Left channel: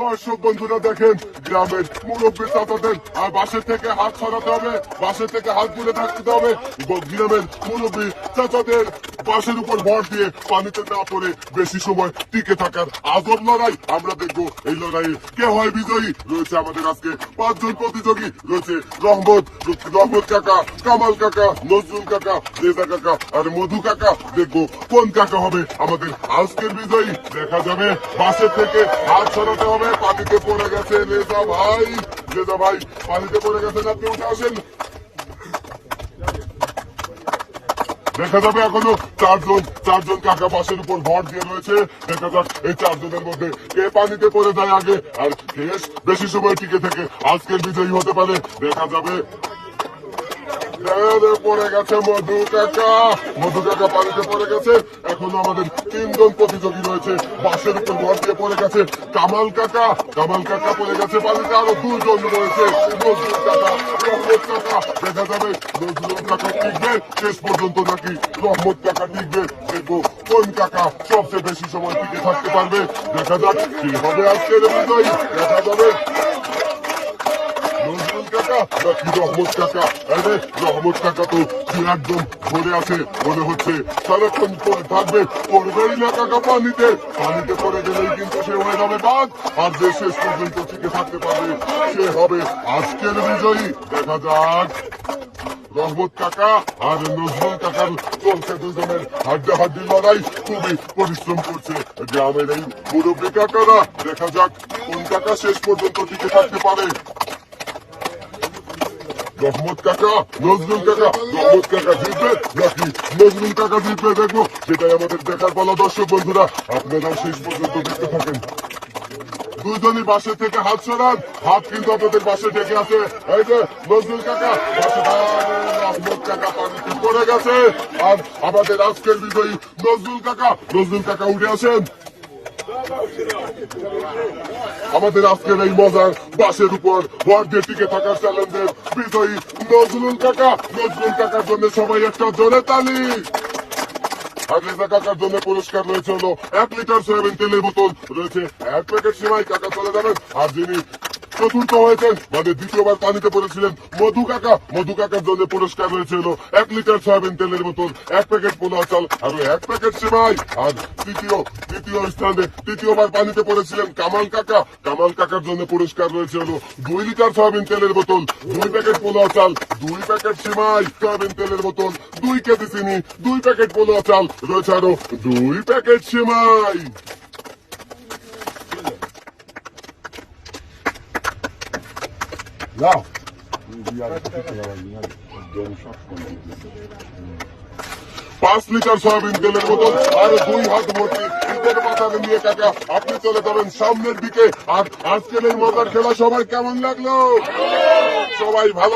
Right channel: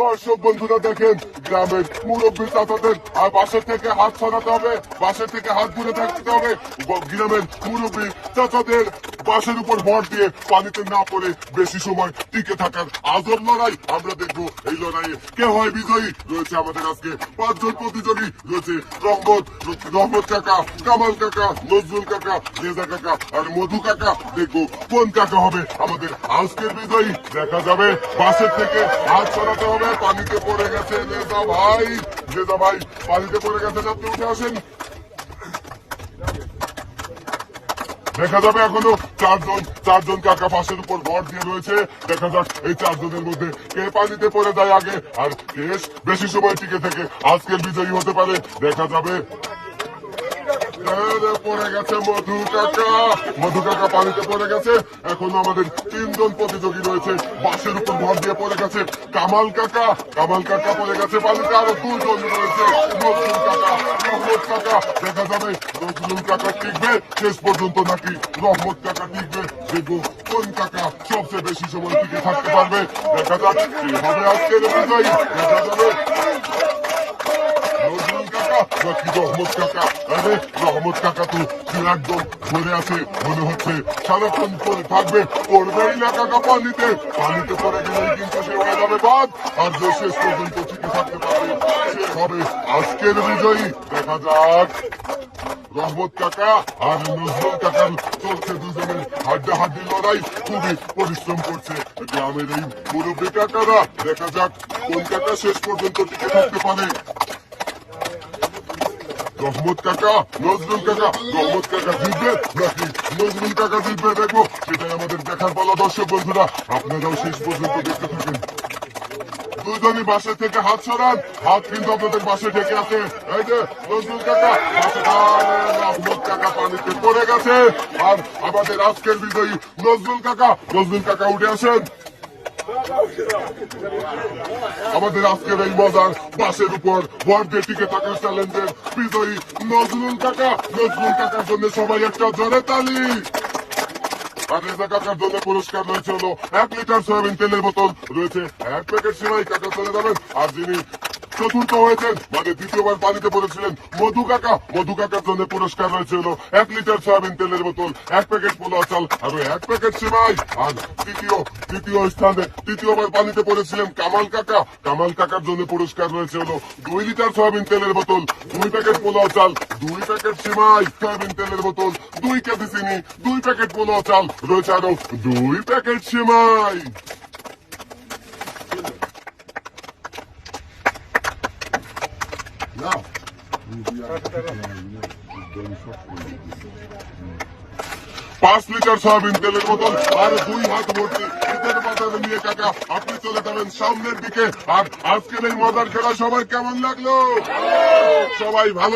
দর্শক বন্ধুরা দেখেন, গ্রামের মুরব্বী চাচাদের বাসের থেকে হাত সরাতে হবে, বাসের থেকে হাত দূরে থাকতে হবে। গ্রামের মুরব্বী চাচাদের বাসের উপর ভর দিয়ে পানিতে না পড়ে বেশি সময় টিকে থাকার আজব লড়াই আমরা দেখবো। এই লড়াইয়ে কে হয় বিজয়ী? রয়েছে আমাদের আজকে 5 জন প্রতিযোগী। রয়েছে রহমত কাকা, কামাল কাকা, নজরুল কাকা, রেজা কাকা আর মধু কাকা। দেখবো কোন কাকা হবে আমাদের আজকের বিজয়ী। দেখা যাবে। বাসের থেকে হাত সরাতে হবে, পানিতে পড়ে গেছে রেজা ভাই। রেজা ভাই পানিতে পড়ে গেছেন, আপনি উঠে আসেন। দেখা যাবে এখনো চারজন কাকা বাসের উপর ভর দিয়ে রয়েছে। দেখা যাক এই 4 জনের মধ্যে কে পানিতে পড়ে যায় আগে আর কে বেশি সময় টিকে থেকে আজকের বিজয়ী হতে পারে। দেখা যাবে। পড়ে গেছে মধু কাকা পানিতে পড়ে গেছে। এখন আমাদের 3 জন প্রতিযোগী রয়েছে, বাসের উপর ভর দিয়ে পড়ে গেছে। কামাল কাকা পড়ে গেছে পানিতে। আরো 2 জন রয়েছে, নজরুল কাকা, রহমত কাকা। দেখা যাবে নজরুল কাকা টিকবে শেষ পর্যন্ত নাকি রহমত কাকা টিকবে। দেখবো কোন কাকা সবচেয়ে বেশি সময় টিকে থাকতে পারবে। দেখা যাক কে হবে আজকের বিজয়ী। দেখা যাবে নজরুল কাকা নাকি রহমত কাকা। রহমত কাকা তো একদম পড়ে আছে, মনে হচ্ছে সারাক্ষণ পড়ে থাকবে। পড়বেই না কাকা পানিতে পড়ে গেলে কিন্তু সে হয়ে যাবে বাদ। আর যে শেষ পর্যন্ত টিকে থাকতে পারবে সে হবে আজকের বিজয়ী। দেখা যাক। রহমত কাকা আর নজরুল কাকার চলছে দুজনের হাড্ডাহাড্ডি লড়াই। খুবই পরিশ্রম করছে গ্রামের এই মুরব্বী কাকারা। দেখা যাক কোন কাকা শেষ পর্যন্ত টিকে থাকতে পারে। রহমত কাকা, নজরুল কাকা, রহমত কাকা জিতবে নাকি নজরুল কাকা জিতবে? দেখবো, সেটাই আমাদের দেখার পালা। দর্শক বন্ধুরা আপনারাও শেষ পর্যন্ত দেখতে থাকেন। 2 জনই বাসে থেকে হাত সরান, হাত কিন্তু আপনাদের বাসে ঠেকে আছে। এই যে নজরুল কাকা বাসে, রহমত কাকা পানিতে পড়ে গেছে। আর আমাদের আজকের বিজয়ী নজরুল কাকা উঠে আসেন। আমাদের আজকের এই মজার বাসের উপর ভর দিয়ে টিকে থাকার চ্যালেঞ্জের বিজয়ী নজরুল কাকার জন্য সবাই একটা জোরে তালি। আর রেজা কাকার জন্য পুরস্কার রয়েছে হলো 1 লিটার সয়াবিন তেলের বোতল, রয়েছে 1 প্যাকেট সেমাই। কাকা চলে যাবেন। আর যিনি চতুর্থ হয়েছে মানে দ্বিতীয়বার পানিতে পড়েছিলেন মধু কাকার জন্য পুরস্কার রয়েছে হলো 1 লিটার সয়াবিন তেলের বোতল, 1 প্যাকেট পোলা চাল আর 1 প্যাকেট সেমাই। আর তৃতীয় স্থানে তৃতীয়বার পানিতে পড়েছিলেন কামাল কাকার জন্য পুরস্কার রয়েছে হলো 2 লিটার সয়াবিন তেলের বোতল, 2 প্যাকেট পোলা চাল, 2 প্যাকেট সেমাই, সয়াবিন তেলের বোতল, 2 কেজি চিনি, 2 প্যাকেট পোলা চাল, রয়েছে আরো 2 প্যাকেট সেমাই। যাও 5 লিটার সয়াবিন তেলের বোতল আর 2 হাত ভর্তি ঈদের বাজারে নিয়ে কাকা আপনি চলে যাবেন সামনের দিকে। আর আজকের এই মজার খেলা সবাই কেমন লাগলো? সবাই ভালো